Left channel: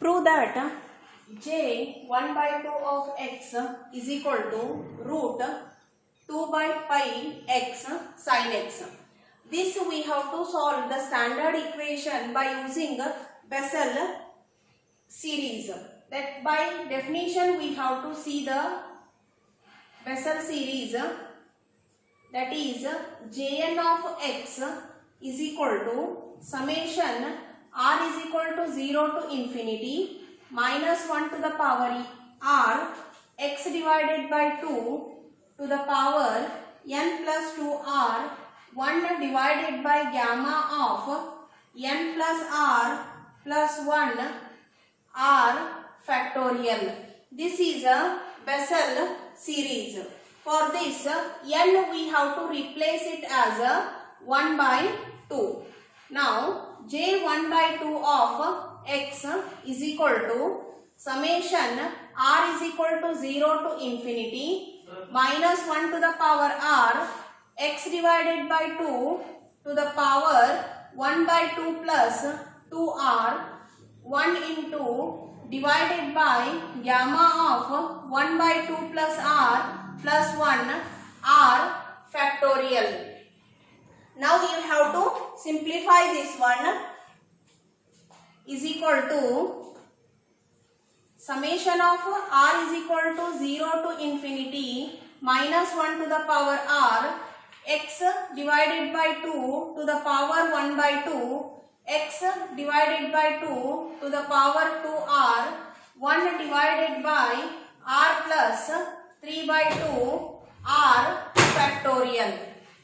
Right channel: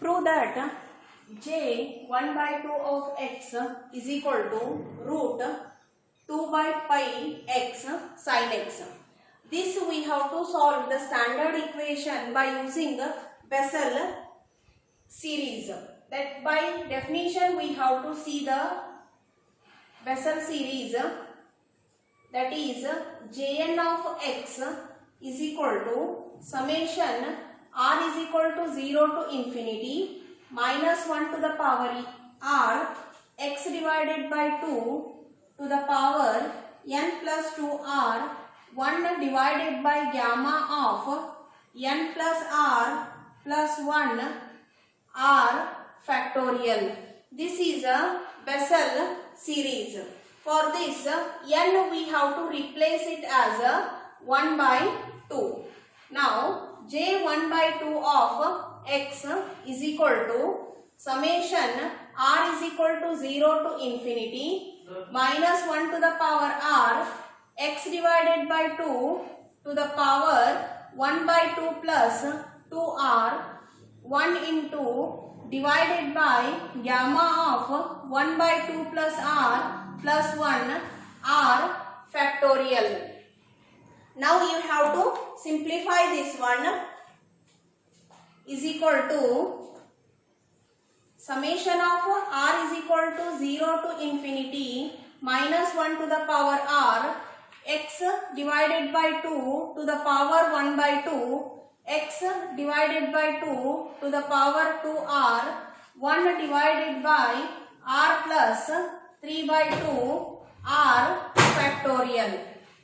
Prove that j 1 by 2 of x is equal to root 2 by pi x sin x. This we have to solve the standard equation by using Bessel series. That by definition we have to see the Bessel series, that is Jn of x is equal to summation r is equal to 0 to infinity minus 1 to the power r x divided by 2 to the power n plus 2r 1 divided by gamma of n plus r plus 1 r factorial. This is a Bessel series. For this n we have to replace it as a 1 by 2. Now j 1 by 2 of x is equal to summation r is equal to 0 to infinity minus 1 to the power r x divided by 2 to the power 1 by 2 plus 2r 1 into divided by gamma of 1 by 2 plus r plus 1 r factorial. Now you have to simplify this one, is equal to summation of r is equal to 0 to infinity minus 1 to the power r x divided by 2 to the power 1 by 2 x divided by 2 to the power 2r 1 divided by r plus 3 by 2 r factorial.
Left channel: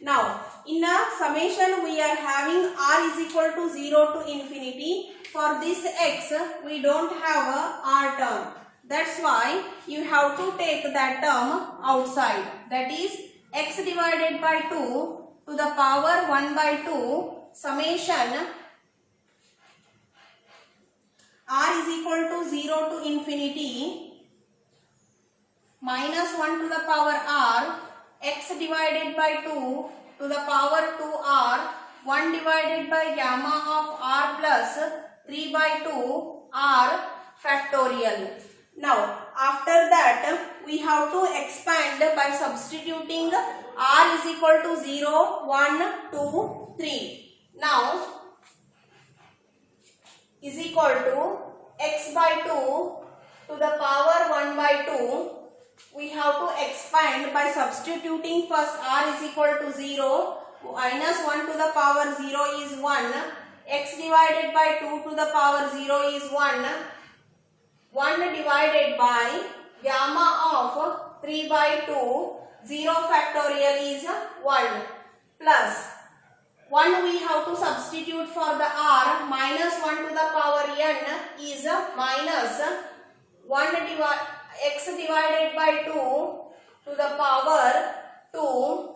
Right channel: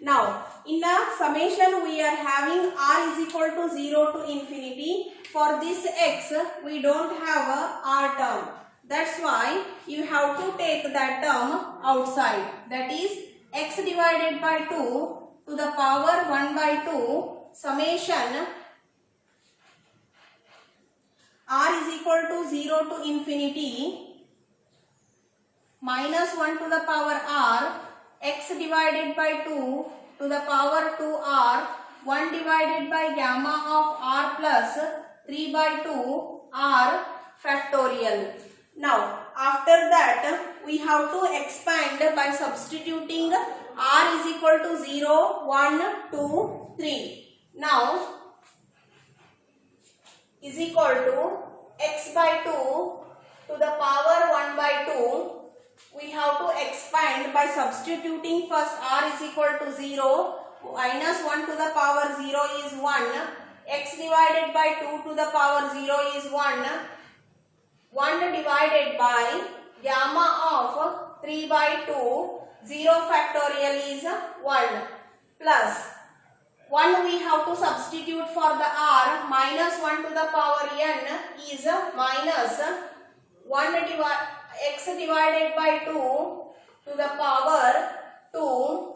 Now in a summation we are having r is equal to 0 to infinity. For this x we don't have a r term. That's why you have to take that term outside. That is x divided by 2 to the power 1 by 2 summation r is equal to 0 to infinity minus 1 to the power r x divided by 2 to the power 2r 1 divided by gamma of r plus 3 by 2 r factorial. Now after that we have to expand by substituting r is equal to 0, 1, 2, 3. Now is equal to x by 2 to the power 1 by 2. We have to expand by substituting first r is equal to 0, minus 1 to the power 0 is 1, x divided by 2 to the power 0 is 1, 1 divided by gamma of 3 by 2, 0 factorial is 1, plus 1 we have to substitute for the r, minus 1 to the power n is minus 1 x divided by 2 to the power 2,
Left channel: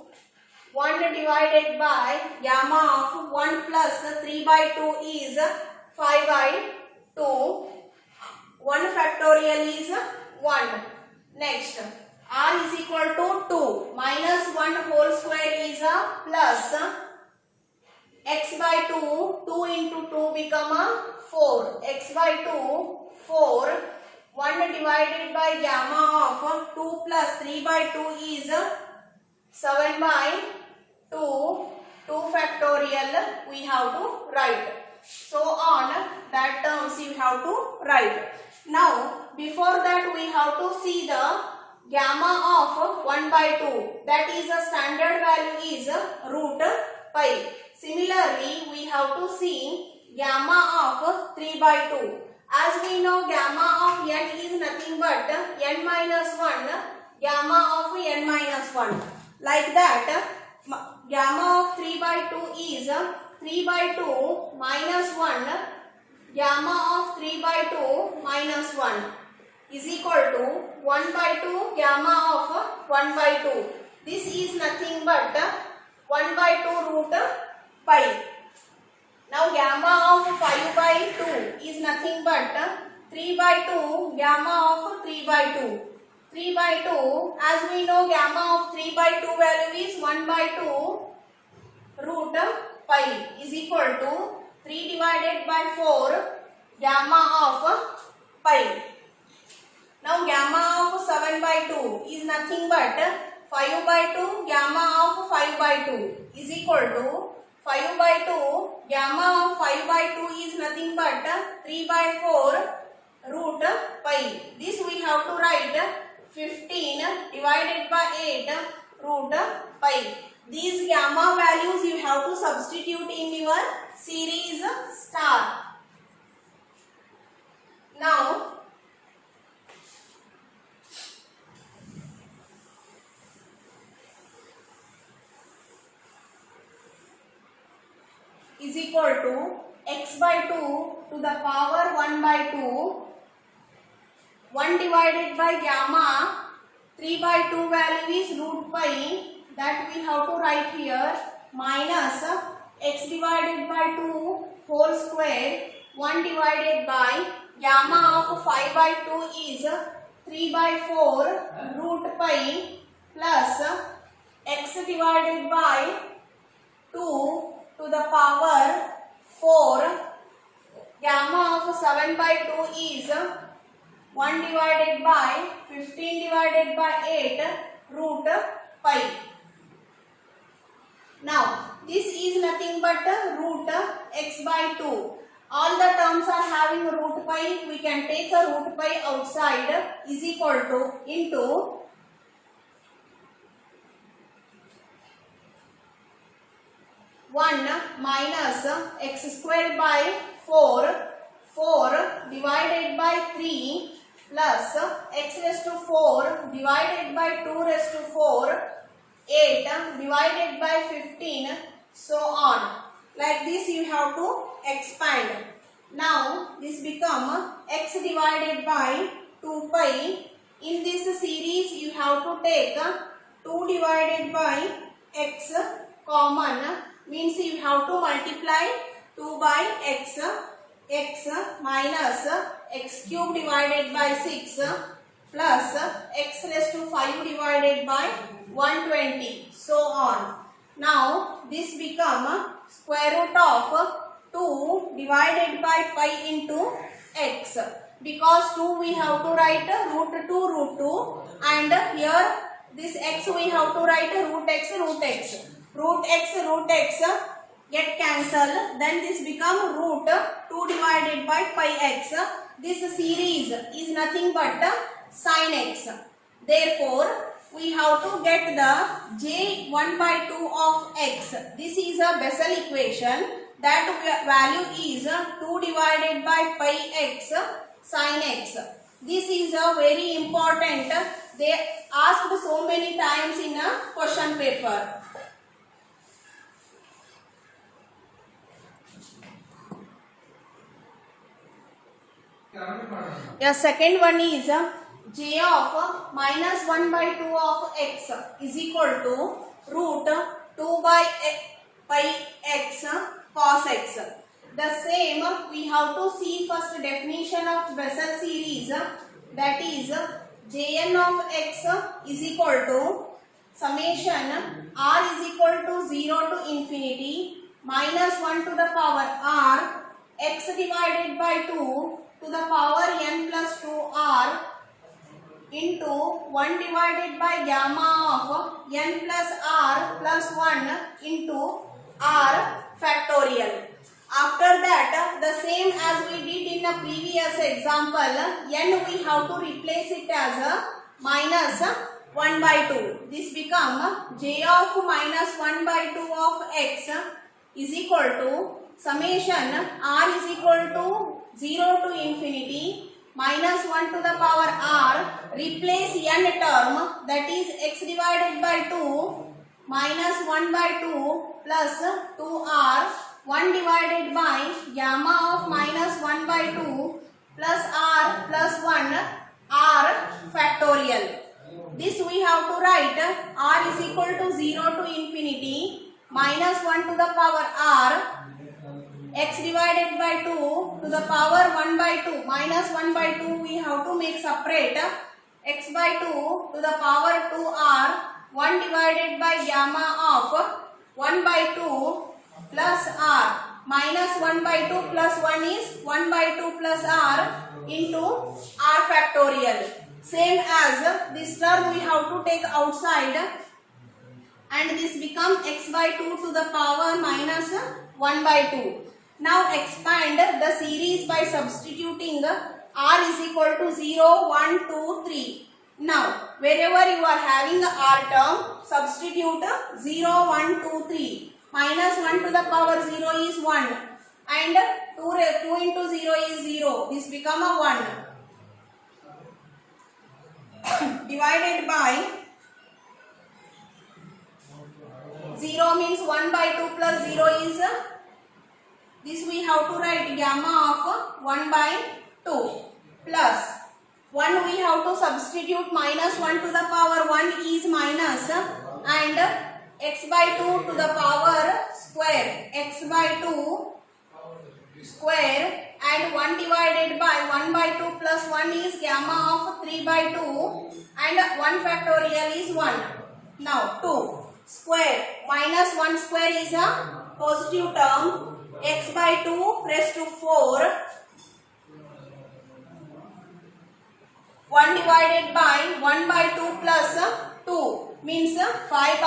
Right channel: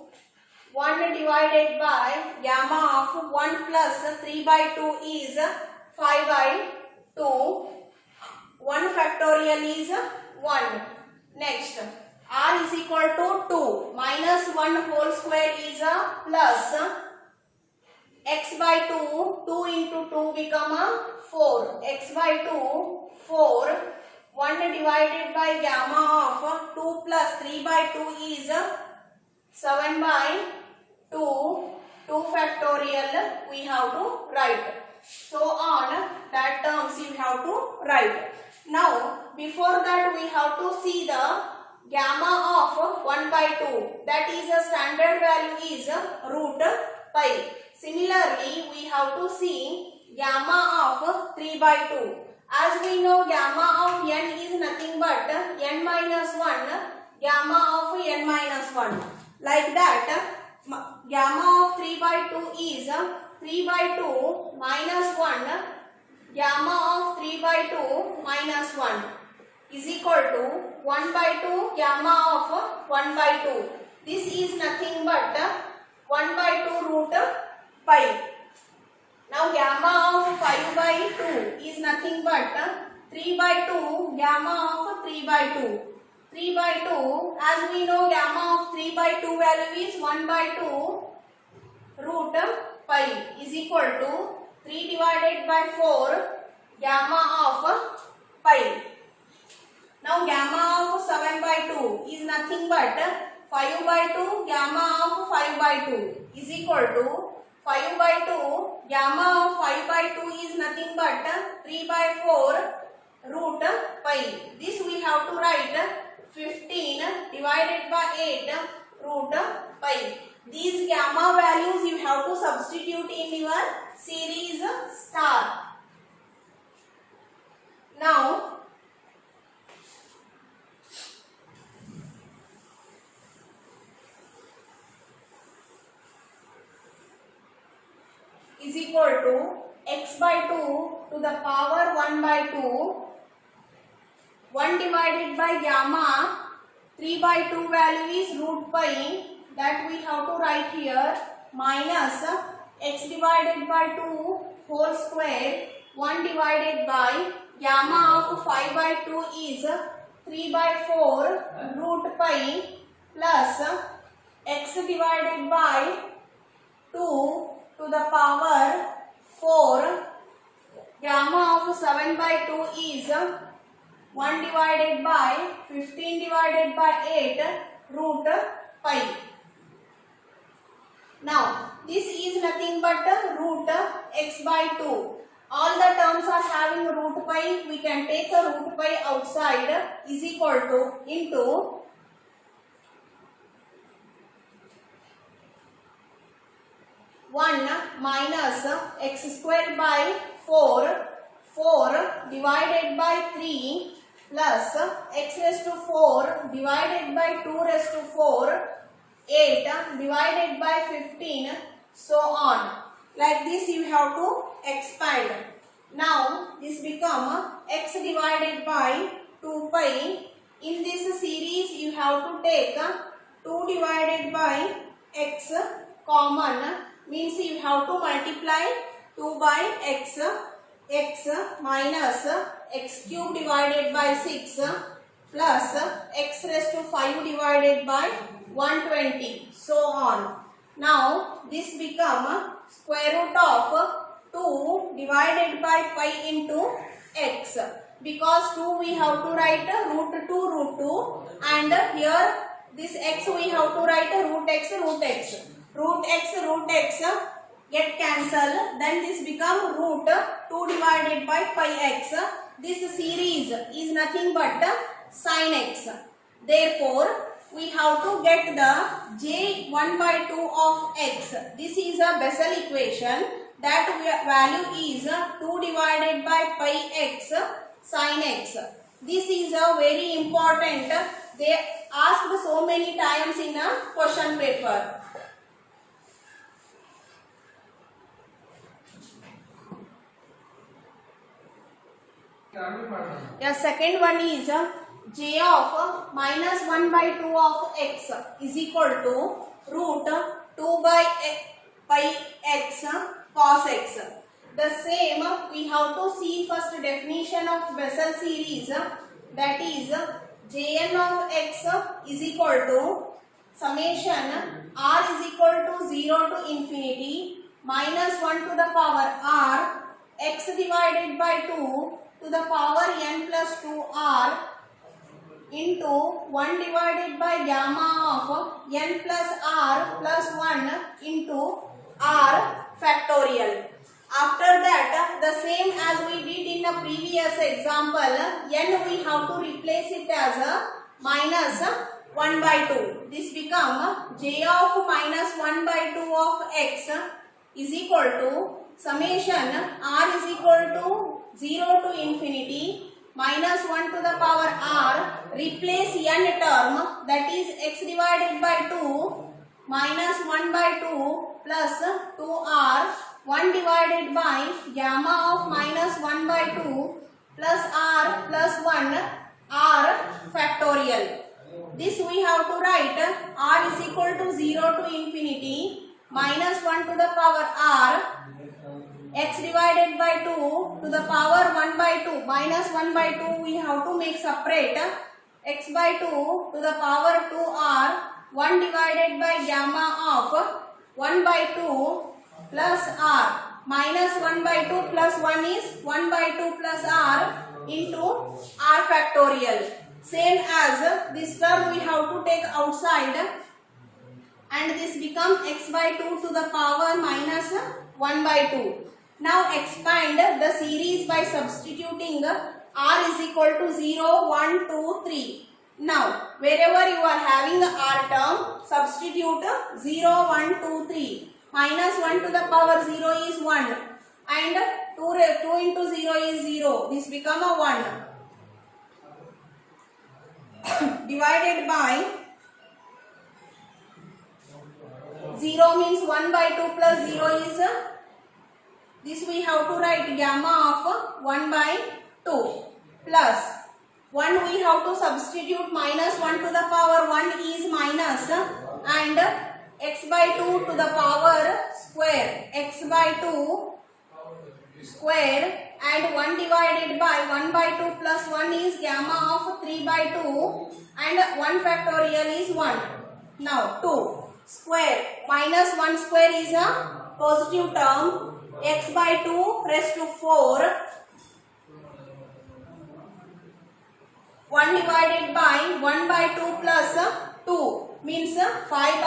1 divided by gamma of 1 plus 3 by 2 is 5 by 2, 1 factorial is 1. Next r is equal to 2, minus 1 whole square is plus x by 2, 2 into 2 become 4, x by 2, 4, 1 divided by gamma of 2 plus 3 by 2 is 7 by 2, 2 factorial we have to write. So on that terms you have to write. Now before that we have to see the gamma of 1 by 2, that is a standard value is root pi. Similarly we have to see gamma of 3 by 2. As we know gamma of n is nothing but n minus 1, gamma of n minus 1. Like that gamma of 3 by 2 is 3 by 2 minus 1, gamma of 3 by 2 minus 1 is equal to 1 by 2 gamma of 1 by 2. This is nothing but 1 by 2 root pi. Now gamma of 5 by 2 is nothing but 3 by 2 gamma of 3 by 2. 3 by 2, as we know gamma of 3 by 2 value is 1 by 2 root pi is equal to 3 divided by 4 gamma of pi. Now gamma of 7 by 2 is nothing but 5 by 2 gamma of 5 by 2 is equal to 5 by 2 gamma of 5 by 2 is nothing but 3 by 4 root pi. This we have to write 15 divided by 8 root pi. These gamma values you have to substitute in your series star. Now is equal to x by 2 to the power 1 by 2, 1 divided by gamma 3 by 2 value is root pi, that we have to write here, minus x divided by 2 whole square 1 divided by gamma of 5 by 2 is 3 by 4 root pi plus x divided by 2 to the power 4 gamma of 7 by 2 is 1 divided by 15 divided by 8 root pi. Now this is nothing but root x by 2. All the terms are having root pi. We can take a root pi outside is equal to into 1 minus x squared by 4 divided by 3 plus x raised to 4 divided by 2 raised to 4 8 divided by 15 so on. Like this you have to expand. Now this become x divided by 2 pi. In this series you have to take 2 divided by x common, means you have to multiply 2 by x minus x cube divided by 6 plus x raised to 5 divided by 120 so on. Now this become square root of 2 divided by pi into x. Because 2 we have to write root 2 and here this x we have to write root x. Root x get cancelled, then this become root 2 divided by pi x. This series is nothing but sin x. Therefore we have to get the j 1 by 2 of x. This is a Bessel equation. That value is 2 divided by pi x sin x. This is a very important. They asked so many times in a question paper. The second one is j of minus 1 by 2 of x is equal to root 2 by pi x cos x. The same we have to see first definition of Bessel series, that is Jn of x is equal to summation r is equal to 0 to infinity minus 1 to the power r x divided by 2 to the power n plus 2r into 1 divided by gamma of n plus r plus 1 into r factorial. After that, the same as we did in the previous example, n we have to replace it as a minus 1 by 2. This become j of minus 1 by 2 of x is equal to summation r is equal to 0 to infinity minus 1 to the power r, replace n term, that is x divided by 2 minus 1 by 2 plus 2r, 1 divided by gamma of minus 1 by 2 plus r plus 1 r factorial. This we have to write r is equal to 0 to infinity minus 1 to the power r, x divided by 2 to the power 1 by 2 minus 1 by 2 we have to make separate, x by 2 to the power 2r, 1 divided by gamma of 1 by 2 plus r, minus 1 by 2 plus 1 is 1 by 2 plus r into r factorial. Same as this term we have to take outside and this become x by 2 to the power minus 1 by 2. Now expand the series by substituting r is equal to 0, 1, 2, 3. Now wherever you are having the r term, substitute 0, 1, 2, 3. Minus 1 to the power 0 is 1 and 2 into 0 is 0. This become a 1. Divided by 0 means 1 by 2 plus 0 is this we have to write gamma of 1 by 2 plus 1 we have to substitute minus 1 to the power 1 is minus and x by 2 to the power square, x by 2 square and 1 divided by 1 by 2 plus 1 is gamma of 3 by 2 and 1 factorial is 1. Now 2 square minus 1 square is a positive term, x by 2 raised to 4, 1 divided by 1 by 2 plus 2 means 5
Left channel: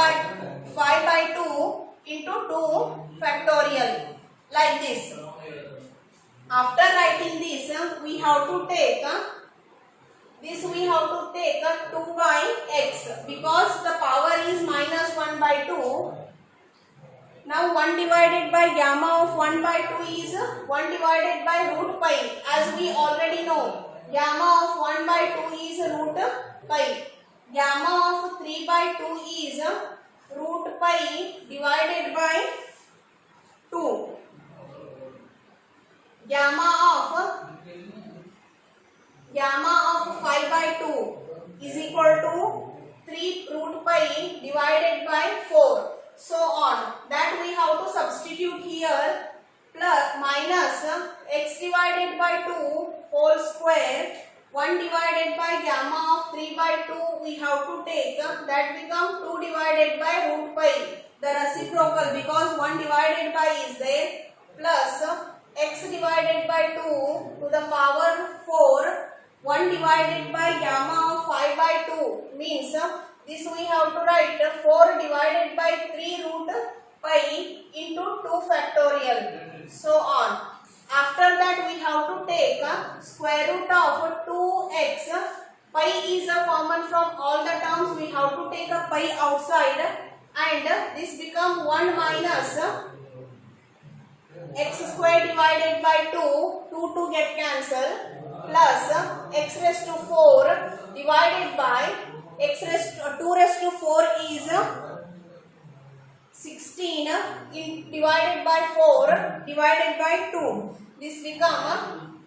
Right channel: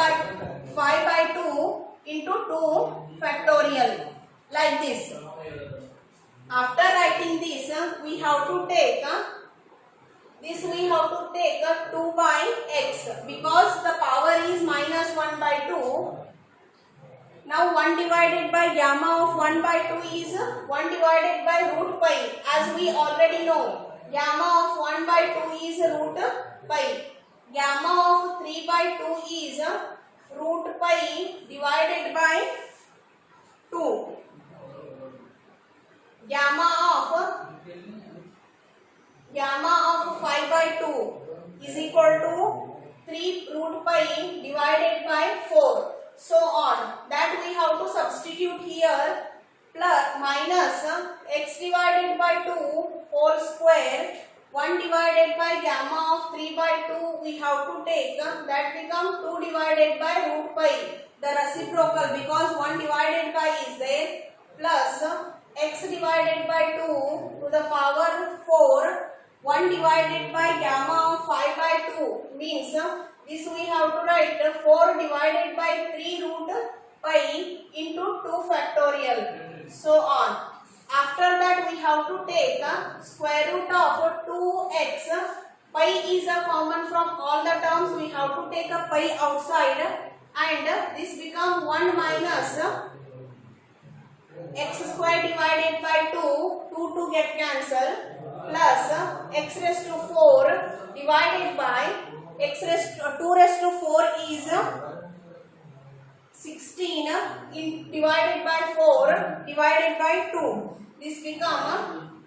by 2 into 2 factorial, like this. After writing this, we have to take 2 by x because the power is minus 1 by 2. Now 1 divided by gamma of 1 by 2 is 1 divided by root pi. As we already know, gamma of 1 by 2 is root pi. Gamma of 3 by 2 is root pi divided by 2. Gamma of 5 by 2 is equal to 3 root pi divided by 4. So on. That we have to substitute here, plus minus x divided by 2 whole square, 1 divided by gamma of 3 by 2 we have to take, that become 2 divided by root pi, the reciprocal, because 1 divided by is there, plus x divided by 2 to the power 4, 1 divided by gamma of 5 by 2 means this we have to write 4 divided by 3 root pi into 2 factorial, so on. After that we have to take square root of 2x. Pi is a common from all the terms, we have to take a pi outside and this become 1 minus x square divided by 2 to get cancelled, plus x raised to 4 divided by 2 raised to 4 is 16 divided by 4 divided by 2. This become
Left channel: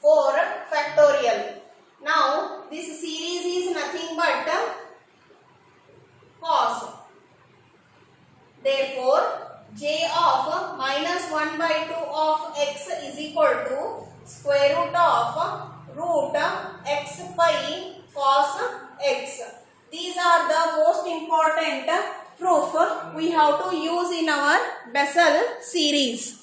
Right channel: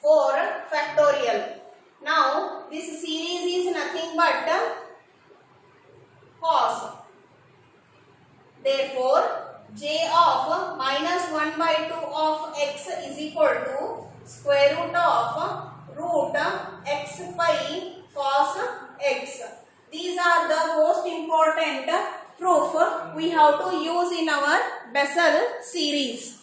4 factorial. Now this series is nothing but cos. Therefore j of minus 1 by 2 of x is equal to square root of root x pi cos x. These are the most important proof we have to use in our Bessel series.